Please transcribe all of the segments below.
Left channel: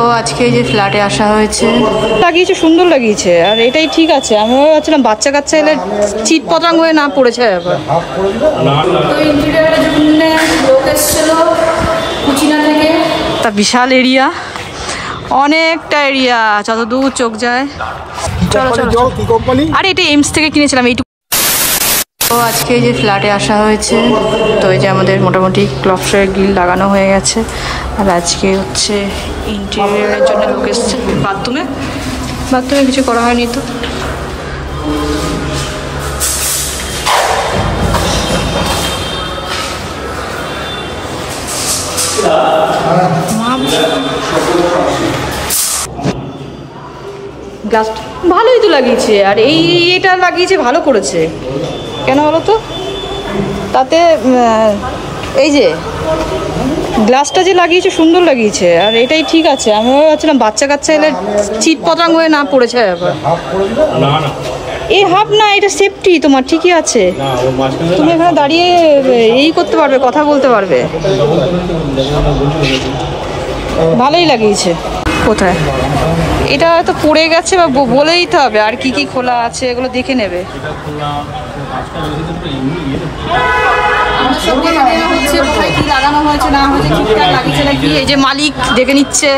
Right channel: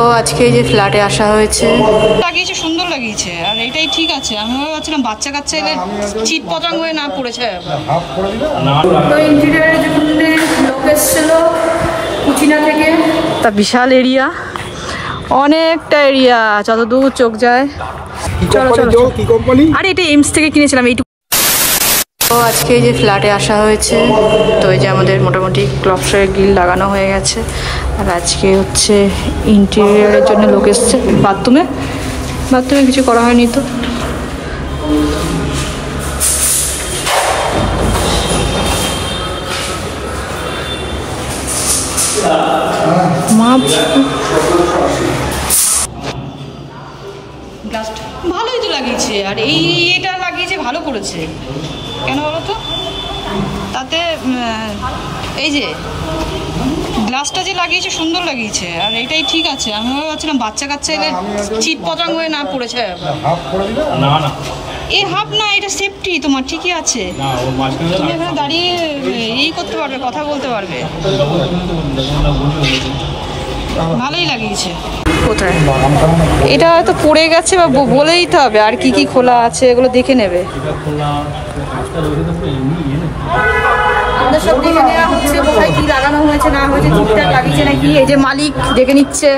তো আজকে যে ফ্ল্যাটে আসা হয়েছে, লাগিয়েছে, সুন্দর লাগিয়েছে, আর এটাই ঠিক আছে। আমি ভাবছিলাম বাচ্চা কাচ্চা এলে চিট পতঙ্গ হয়ে না পড়েছে ব্যাপার। তো ইন্টেরিয়ারের জন্য লোক এসেছিল কুচিনা থেকে। তা বিশাল এরিয়া, অনেকটা এরিয়া, যতদূর চোখ যায়। চলো চলো। আরে এটা এমস থেকে কিনেছিলাম এইটুকু। তো আজকে যে ফ্ল্যাটে আসা হয়েছে, তো এই যে আমাদের মোটামুটি ক্লপসের গ্রিল লাগানো হয়ে গেছে। আর আজকে হচ্ছে ইন্টেরিয়ারের জন্য লোক এসছে। বাথরুমে কিছু করা হয়নি তো। গ্লাসটা ভালোই তো লাগিয়েছে, আর এটা লাগিয়েছে, ভালো করেছে। কেন বলো তো, তাতে এই যে গ্লাসটা যে লাগিয়েছে সুন্দর লাগিয়েছে, আর এটাই ঠিক আছে। আমি ভাবছিলাম বাচ্চা কাচ্চা এলে চিট পতঙ্গ হয়ে না পড়েছে ব্যাপার। এই হাফ না, এটা সেফটি তোমার, ঠিকই আছে। তুমি এখানে দাঁড়িয়ে এই করতে পারবে, কথা বলতে পারবে, ভালোই লাগিয়েছে। কোথায় এটা তো পড়ে গেছে, বা বলেই তো হবে আর কি কি খোলা আছে, এগুলো দেখে নেবে। আমাদের সব দেখে নেওয়া হচ্ছে, কোথায় কি লাগানো হয়েছে না হয়েছে, ঠিকঠাক লাগিয়েছে নাকি। এই যে মালিক দেখে নিচ্ছে,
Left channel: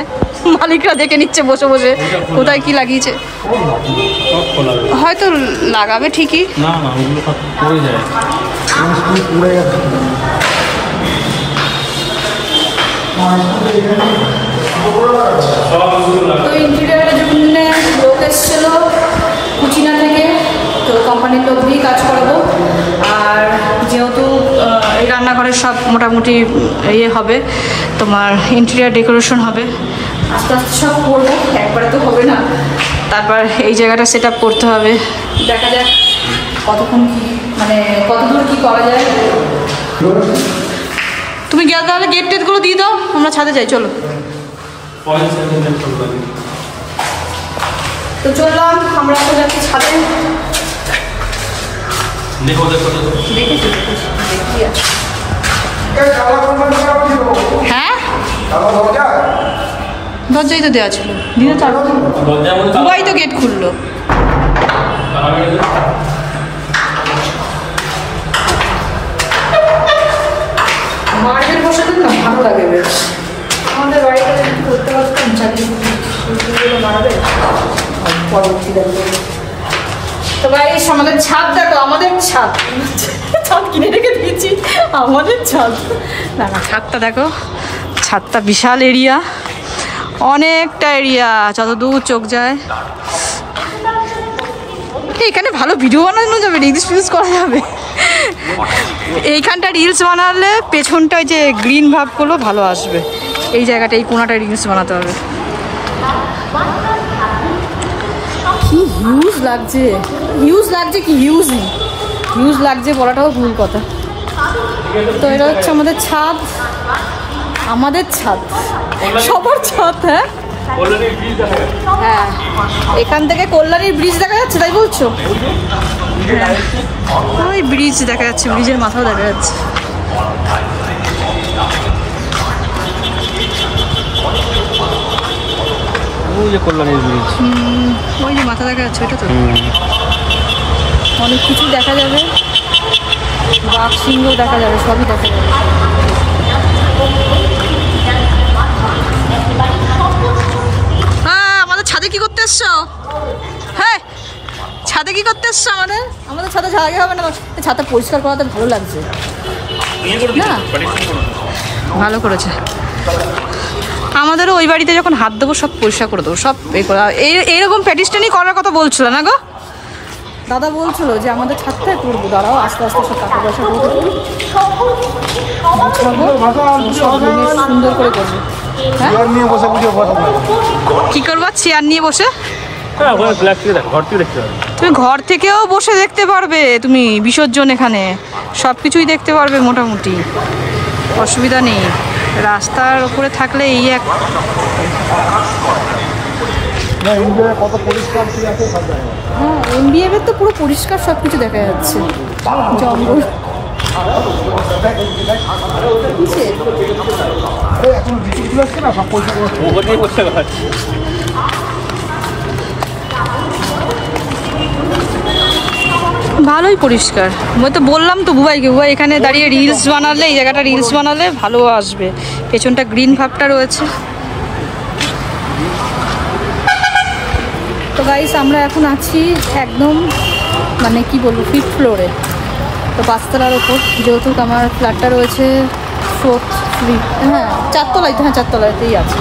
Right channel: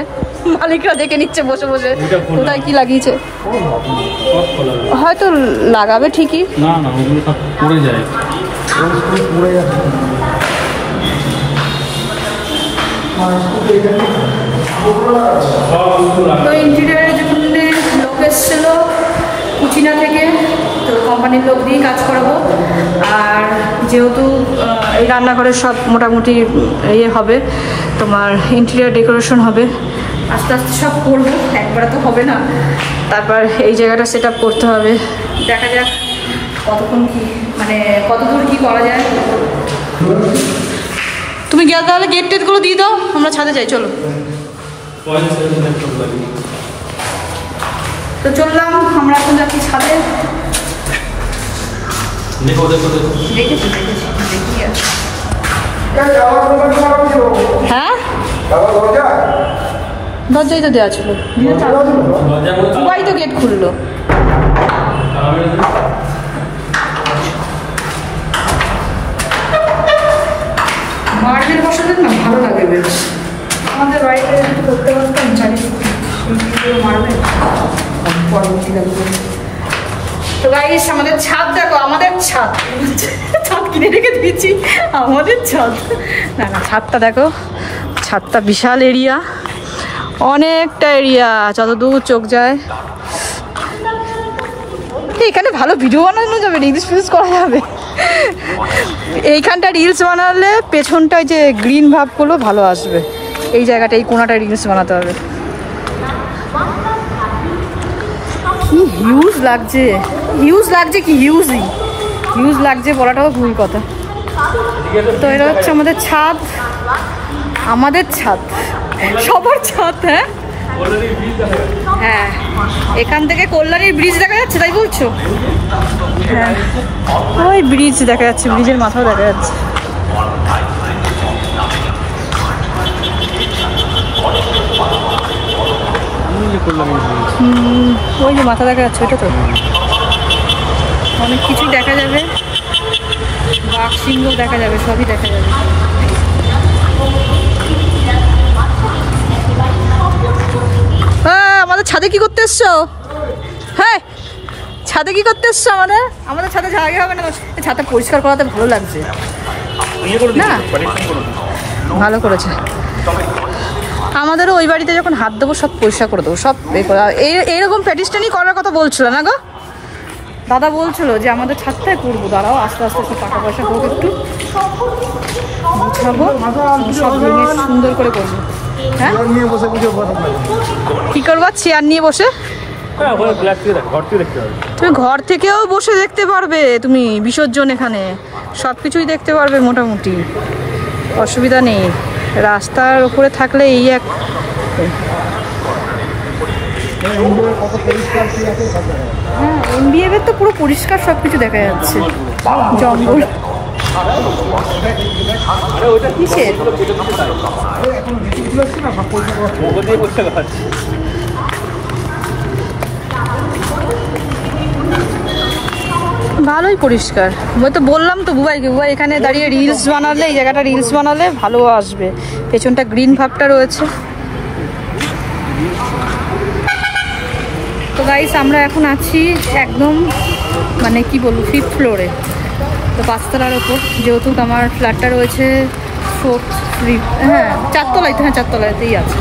মালিকরা দেখে নিচ্ছে বসে বসে কোথায় কি লাগিয়েছে। হয়তো লাগাবে ঠিকই। তো ইন্টেরিয়ারের জন্য লোক এসেছিল কুচিনা থেকে, তো কোম্পানির লোক দিয়েই কাজ করাবো। আর যেহেতু এই রান্নাঘরের সব মোটামুটি ইয়ে হবে, তোমার ইন্টেরিয়ার ডেকোরেশন হবে, আস্তে আস্তে সব করবো, একবারে তো হবে না। তারপর এই জায়গাটা সেট আপ করতে হবে, দেখা যাক কতক্ষণ কি, মানে কতদূর কি করা যায়। তুমি গেলে তাহলে গেট টেটগুলো দিয়ে দাও, আমরা ছাদে যাই। চলো। তো চললাম, আমরা এখন যাচ্ছি ছাদে। হ্যাঁ, দরজাই তো দেওয়া ছিল, পুরাই তো গেট খুললো। মার্বেল বসাতে না ভালো লাগে বেশ। আমাদের বাড়িতে যদি করতে পারতাম, জানি মার্বেল পরবর্তী দেখো। তো গাইস, আমাদের ছাদ দেখো, আমাদের ছাদ কিনে রেখে দিয়েছি, আমাদের ছাদ। না না, ছাদটা দেখো, ছাদটা বিশাল এরিয়া, অনেকটা এরিয়া, যতদূর চোখ যায়। এখানে ভালো ভিডিও বানানো যাবে, রিলস ফিলস করা যাবে। এইখানটা রিলস বানালে পেছনটায় যে গ্রিন ভাবগুলো ভালো আসবে। এই জায়গাটা, এই কোনাটায় রিলস বানাতে হবে। কি হিউজ লাগছে, কি হিউজ লাগছে বলাটাও ভুল কথা। তো এটা হচ্ছে আমাদের ছাদ, সবার ছাদ। হ্যাঁ, এখান থেকে কল্যাণীর ব্রিজ দেখা যাচ্ছে, তাই বলছো? হ্যাঁ, ওই ব্রিজ দেখা যাচ্ছে, ব্রিজের মাথাও দেখা যাচ্ছে। ওই যে মাথা দেখা যাচ্ছে, ওইটা তো। অনেক কিছু দেখা যাবে, বাঘ সিংহ দেখা যাবে, সবই দেখা যাবে। আমাদের ছাদে কি করতে এসছো? হ্যাঁ, ছাদে কি করতে এসছো? আমাদের ছাদে জায়গা হবে না, ছাদটা পরিষ্কার করাতে ভালো লাগছে না? ভালো করেছে। আমাদেরও ওই বাড়িতে যখন হাত দেবো সব পরিষ্কার করে দেবো, সব এইরকম প্যাটিস্টানি করার কথা বলছিল না গো? দাদা বলছিল যে আমাদের ছাদটাই করবো, দাঁড়াও আস্তে আস্তে সব টাকা পয়সা হোক, একটু গুছাবো, সব সুন্দর করে করবো। হ্যাঁ, কি করবা? চেয়ার নিয়ে বসে তুমি ঘর থেকেও বসে দেখতে পারবে, তুমি বিসর্জন এখানে সবকিছুই দেখতে পারবে মোটামুটি, অসুবিধা নেই। রাস্তার উপরে থাকলে এই এক, হ্যাঁ, এমবিএফ এর তো পুরো পরিষ্কার সবকিছু দেখা যাচ্ছে, জঙ্গল কিসের? ভালোই পরিষ্কার। আমি তো বললাম তো বুবাইকে, বুবাই এখানে দাঁড়িয়ে রিলস বানালে, এই জায়গাটা রিলস বানালে ভালো আসবে। পেছনটা গ্রিন ভাবটা রয়েছে। তো গাইস আমরা এখন আছি একদম মানে কি বলবো 5th ফ্লোরে। তো 5তলার ওপর, যেহেতু আমার ফ্ল্যাটটা রয়েছে 4th হ্যাঁ 4তলায়, হ্যাঁ 4তলাতেই আছে।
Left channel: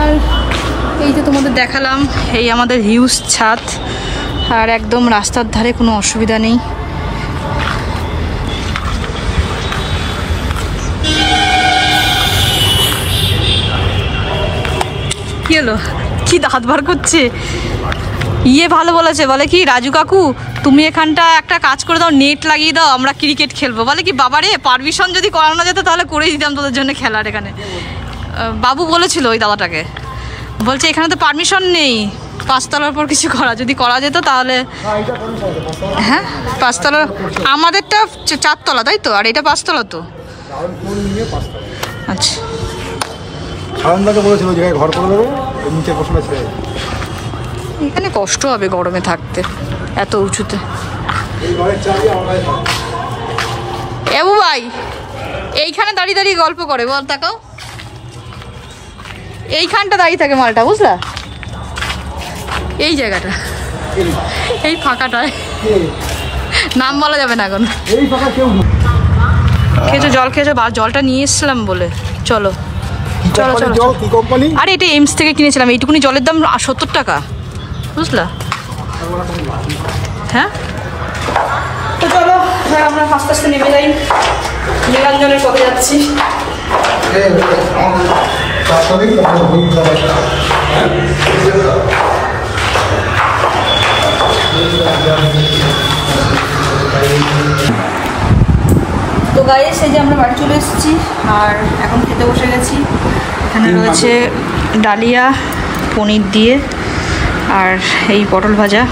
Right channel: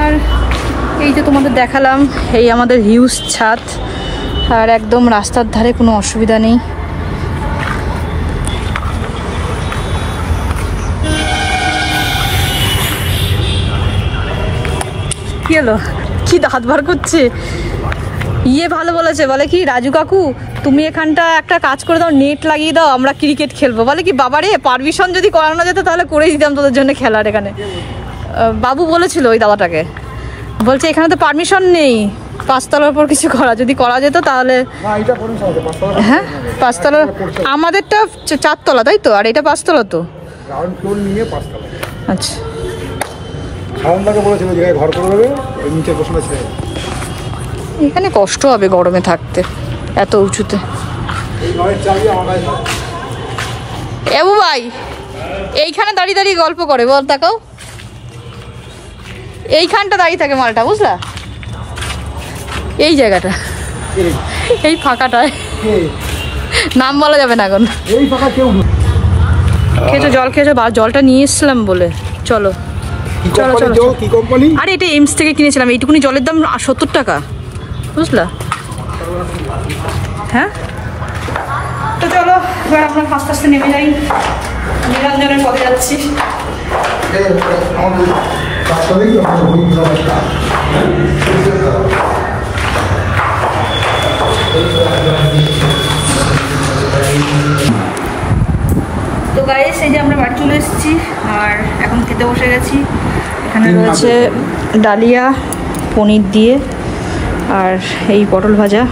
আর এই যে তোমাদের দেখালাম এই আমাদের হিউজ ছাদ, আর একদম রাস্তার ধারে, কোনো অসুবিধা নেই। কি হলো, কি দাঁত বার করছে? ইয়ে ভালো বলেছে, বলে কি রাজু কাকু তুমি এখানটা একটা কাজ করে দাও, নেট লাগিয়ে দাও, আমরা ক্রিকেট খেলবো। বলে কি বাবারে, পারমিশন যদি করানো যেত তাহলে করেই দিতাম তোদের জন্য খেলার। এখানে বাবু বলেছিল ওই দাদাটাকে, বলছে এখানে তো পারমিশন নেই 5তলার উপর কিছু করা, যদি করা যেত তাহলে। হ্যাঁ 5তলা, আমাদেরটা 4তলা তাই তো, আর এটা 5তলা তো। আচ্ছা এখানে কষ্ট হবে গরমে থাকতে এত উঁচুতে। এবু ভাই এইখানে দাঁড়িয়ে দাঁড়িয়ে গল্প করে, বল তাকাও, এইখানটা দাঁড়িয়ে থাকে মালটা, বুঝলা? এই জায়গাটা, এই ফাঁকাটায়, নাম বলা যাবে না এখন। খেয়েছো জল, খেয়েছো? জলটা নিয়ে এসছিলাম বলে। চলো চলো চলো। আরে এটা এমস থেকে কিনেছিলাম, এইটুকুনি জলের দাম 70 টাকা, বুঝলা? হ্যাঁ তো চলো এবার আমরা আস্তে আস্তে নেমে যাই, নিরঞ্জনের পথে যাচ্ছি। তো গাইস এই যে আমরা বাড়ি চলে এসেছি, আর এখন খেতে বসে গেছি। এখানে রয়েছে ডালিয়া পনির দিয়ে, আর এই পটল ভাজা,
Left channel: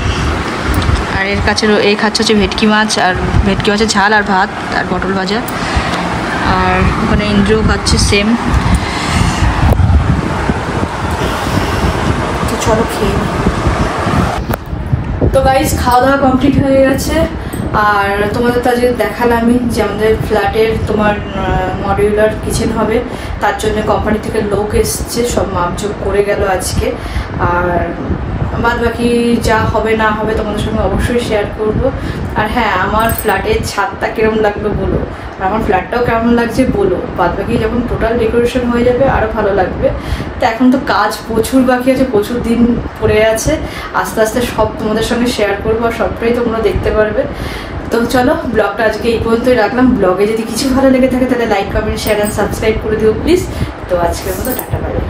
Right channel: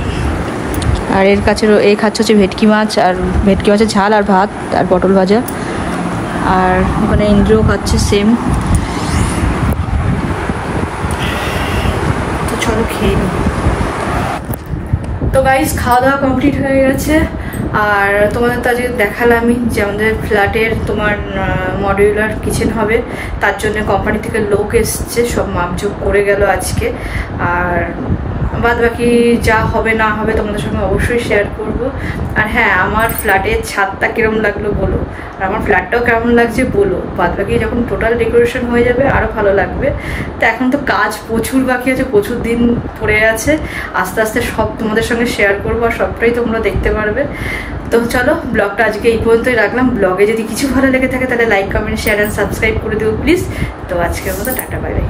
আর এর কাছে এই খাচ্ছে হচ্ছে ভেটকি মাছ, আর ভেটকি মাছের ঝাল আর ভাত আর পটল ভাজা। আর ওখানে ইন্দ্রও খাচ্ছে সেম। তো চলো খেয়ে। তো গাইস খাওয়া দাওয়া কমপ্লিট হয়ে গেছে, আর তোমাদের তো আজকে দেখালামই যে আমাদের ফ্ল্যাটের তোমার মডিউলার কিচেন হবে, তার জন্য কোম্পানি থেকে লোক এসছে, সব মাপজোক করে গেল আজকে। আর বাদ বাকি যা হবে না হবে তোমাদের সঙ্গে অবশ্যই শেয়ার করব। আর হ্যাঁ আমার ফ্ল্যাটের ছাদটা কিরম লাগলো বলো, আর আমার ফ্ল্যাটটাও কেমন লাগছে বলো। বাদ বাকি যখন টোটাল ডেকোরেশন হয়ে যাবে আরও ভালো লাগবে। তো এখন তো কাজ প্রচুর বাকি আছে, প্রচুর দিন পড়ে আছে, আস্তে আস্তে সব তোমাদের সঙ্গে শেয়ার করবো, আর সবটাই তোমরা দেখতে পারবে। তো চলো ব্লগটা আজকে এই পর্যন্তই রাখলাম। ব্লগে যদি কিছু ভালো লেগে থাকে তাহলে like comment share and subscribe করে দিও প্লিজ। তো আজকের মতো টাটা, বাই বাই।